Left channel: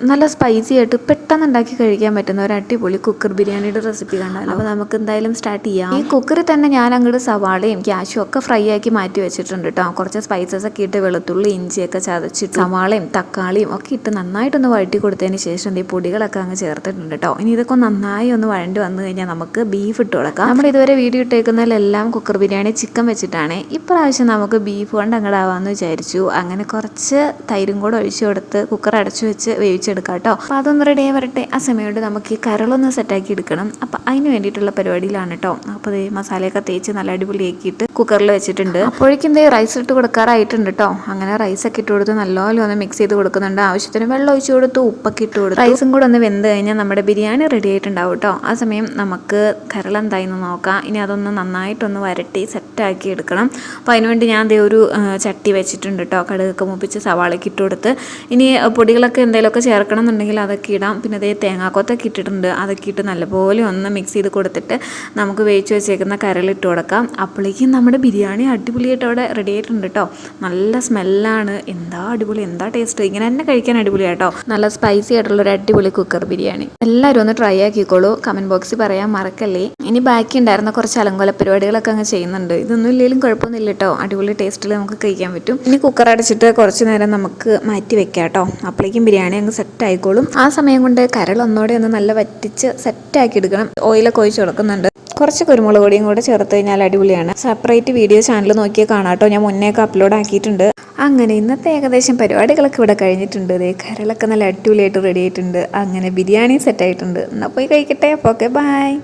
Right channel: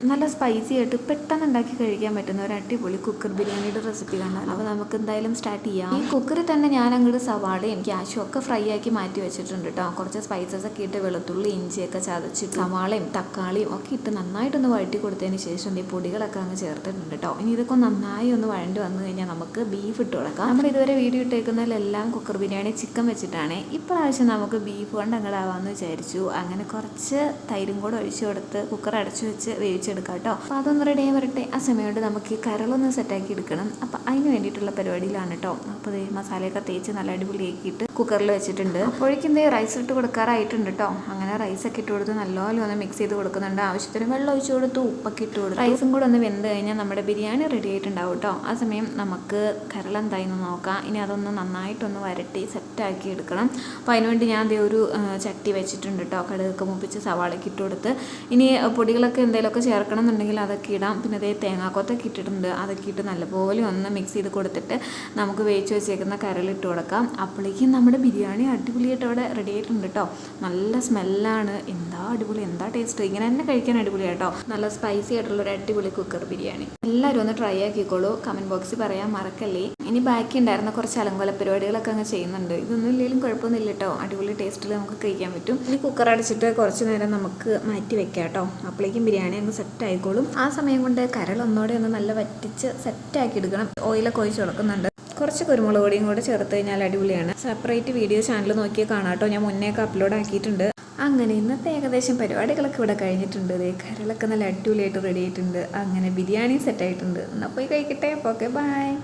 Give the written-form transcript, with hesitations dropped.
നല്ല സ്പൈസി ആയിട്ട് പെട്ടെന്ന് ഉണ്ടാക്കി കഴിക്കാൻ പറ്റുന്ന ഒരു അടിപൊളി കുക്കർ ബിരിയാണിയുടെ റെസിപ്പി കണ്ടാലോ. അപ്പോൾ നമുക്ക് എന്തായാലും സ്റ്റാർട്ട് ചെയ്യാം. ഈ കുക്കറിൽ തന്നെ ഞാൻ അങ്ങോട്ട് സവാളയും ക്യാഷും ഒക്കെ ഫ്രൈ ആക്കി മാറ്റി വെച്ചിട്ടുണ്ട് കേട്ടോ. കുറച്ച് സ്പൈസസ് ഒക്കെ ഇട്ട് വെളുത്തുള്ളി ഇഞ്ചിയൊക്കെ ചതച്ചിട്ട് സവാളയും തക്കാളിയും ഒക്കെ ഇട്ട് നന്നായിട്ടൊന്ന് വഴറ്റി കൊടുത്തതിന് ശേഷം ഈ പൊടികളൊക്കെ അങ്ങ് ചേർത്തിട്ടുണ്ട് കേട്ടോ. ഇനി ഇതൊക്കെ നന്നായി ഒന്ന് വഴണ്ടി വന്നു കഴിഞ്ഞാൽ നമുക്ക് ബീഫ് ഇട്ട് കൊടുക്കാം. നമ്മൾ ഇതുവരെ വീഡിയോ ഇട്ടേക്കുന്നതിലെല്ലാം കുക്കർ ബിരിയാണി ചിക്കൻ വെച്ചിട്ടാണ്. ഇപ്രാവശ്യം നമുക്ക് ബീഫ് കൊണ്ട് അങ്ങോട്ടാവാമെന്ന് വിചാരിച്ചു. അങ്ങനെ കുറച്ച് തൈരും കൂടെ ഒഴിച്ചു കൊടുത്ത് കുക്കർ അടച്ചു വെച്ച് വേവിച്ചെടുക്കാം കേട്ടോ. അപ്പോൾ അതൊന്ന് റെഡി ആയി വരട്ടെ. ആ സമയത്ത് നമുക്ക് ഈ കരളൊന്ന് സെറ്റാക്കി എടുക്കണം. അപ്പോൾ അതിന് വേണ്ടിയിട്ടുള്ള പരിപാടിയിലാണ് കേട്ടോ. അപ്പോൾ ഈ മസാലയൊക്കെ തേച്ച് നല്ല അടിപൊളിയാക്കിയിട്ട് കുക്കറിൽ വെച്ചിട്ടുണ്ട്. അപ്പോഴേക്കും റൈസ് ഇട്ട് കൊടുക്കാറായിട്ടുണ്ട് കേട്ടോ. അങ്ങനെ റൈസൊക്കെ ഇട്ട് കൊടുത്ത് നല്ലപോലെ ഒന്ന് മിക്സ് ചെയ്ത് കൊടുക്കുന്നുണ്ട്. ആവശ്യത്തിന് വെള്ളം ഒഴിച്ച് കൊടുത്തു, ഉപ്പൊക്കെ ഇട്ട് കൊടുത്തു. റൈസും കൂടെ ഒന്ന് വെന്ത് കഴിഞ്ഞാൽ നമ്മുടെ ബിരിയാണി റെഡി ആയിട്ടുണ്ടാവും കേട്ടോ. ആ സമയം നമുക്ക് കരൾ എന്തായെന്ന് നോക്കാം. ഇനി അതൊന്ന് നന്നായിട്ടൊന്ന് വരട്ടി സെറ്റാക്കി എടുക്കണം. അപ്പോൾ അതിനുവേണ്ടി ഞാൻ ഒരു ചട്ടി വെച്ചിട്ടുണ്ട് കേട്ടോ. കടുകൊക്കെ മുപ്പിച്ച് സവാളയ്ക്ക് ഇട്ട് കൊടുത്ത് ഇനി പൊടികളൊക്കെ എന്തെങ്കിലുമൊക്കെ ചേർക്കണം എന്നുണ്ടെങ്കിൽ അതൊക്കെ ഇടാം. പിന്നെ അതേ തേങ്ങാക്കൊത്തൊക്കെ ഇട്ടിട്ടുണ്ട്. അതൊക്കെ ഇട്ട് നല്ലപോലെ ഒന്ന് മിക്സ് ചെയ്ത് കൊടുത്തിട്ട് നമുക്ക് വേവിച്ച് വെച്ചേക്കുന്ന കരളിട്ട് കൊടുക്കാം. അപ്പോഴേക്കും നമ്മുടെ ബിരിയാണി അടിപൊളിയായിട്ട് അവിടെ റെഡി ആയിട്ടുണ്ട് കേട്ടോ. നല്ല സ്മെല്ലാണ്. എന്താ അടിപൊളി, എന്താ ടേസ്റ്റ്. ഇങ്ങനെ തന്നെ കഴിക്കാൻ അടിപൊളിയാട്ടോ. നല്ല സ്പൈസി ആയിട്ടുള്ളൊരു അടിപൊളി കുക്കർ ബിരിയാണി. എല്ലാവരും ഒന്ന് ട്രൈ ആക്കിക്കോളൂ. കമൻറ്റ് ബോക്സിൽ പറയാൻ മറക്കല്ലേ. ഇനി ബാക്കി ഉണ്ടായിരുന്ന കുറച്ച് അലങ്കോല പരിപാടികളൊക്കെ അങ്ങ് ചെയ്യുന്നുണ്ട്. ഇതൊന്നും ഇല്ലെങ്കിലും കുഴപ്പമൊന്നുമില്ല കേട്ടോ. അടിപൊളി ടേസ്റ്റിൽ നമുക്ക് കഴിക്കാൻ പറ്റും. ഇനി കുക്കർ അടച്ചിട്ട് കുറച്ച് നേരം നമുക്ക് മാറ്റി വെക്കാം കേട്ടോ. അപ്പോഴേക്കും ബിരിയാണി അങ്ങ് സെറ്റ് ആയിക്കോളും. ആ സമയം കൊണ്ട് കരൾ ഒന്നോടെ ഒന്ന് നല്ല വറ്റിച്ച് സെറ്റാക്കി എടുക്കണം. ഓയിലൊക്കെ ഒഴിച്ച് കൊടുക്കുന്നുണ്ട്. കുറച്ച് കുരുമുളക് പൊടിയും കൂടെ ചേർത്ത് കഴിഞ്ഞാൽ അടിപൊളിയാണ്. സെപ്പറേറ്റ് വീഡിയോ ചാനൽ നോക്കിയാൽ കാണാം കേട്ടോ. ഞാൻ മുന്നേയൊക്കെ അപ്ലോഡ് ആക്കിയിട്ടുണ്ട്. അങ്ങനെ ഇന്നത്തെ ഏകദേശം പരിപാടികളൊക്കെ ഇവിടെ കഴിഞ്ഞിട്ടുണ്ട്. കരളൊക്കെ നല്ല അടിപൊളിയായിട്ട് റെഡി ആയിട്ടുണ്ട്. അങ്ങനെ ബിരിയാണി സെറ്റായിട്ടുണ്ട്. എന്നാൽ പോയി കഴിക്കട്ടെ. അപ്പോൾ ഓക്കെ, ബൈ.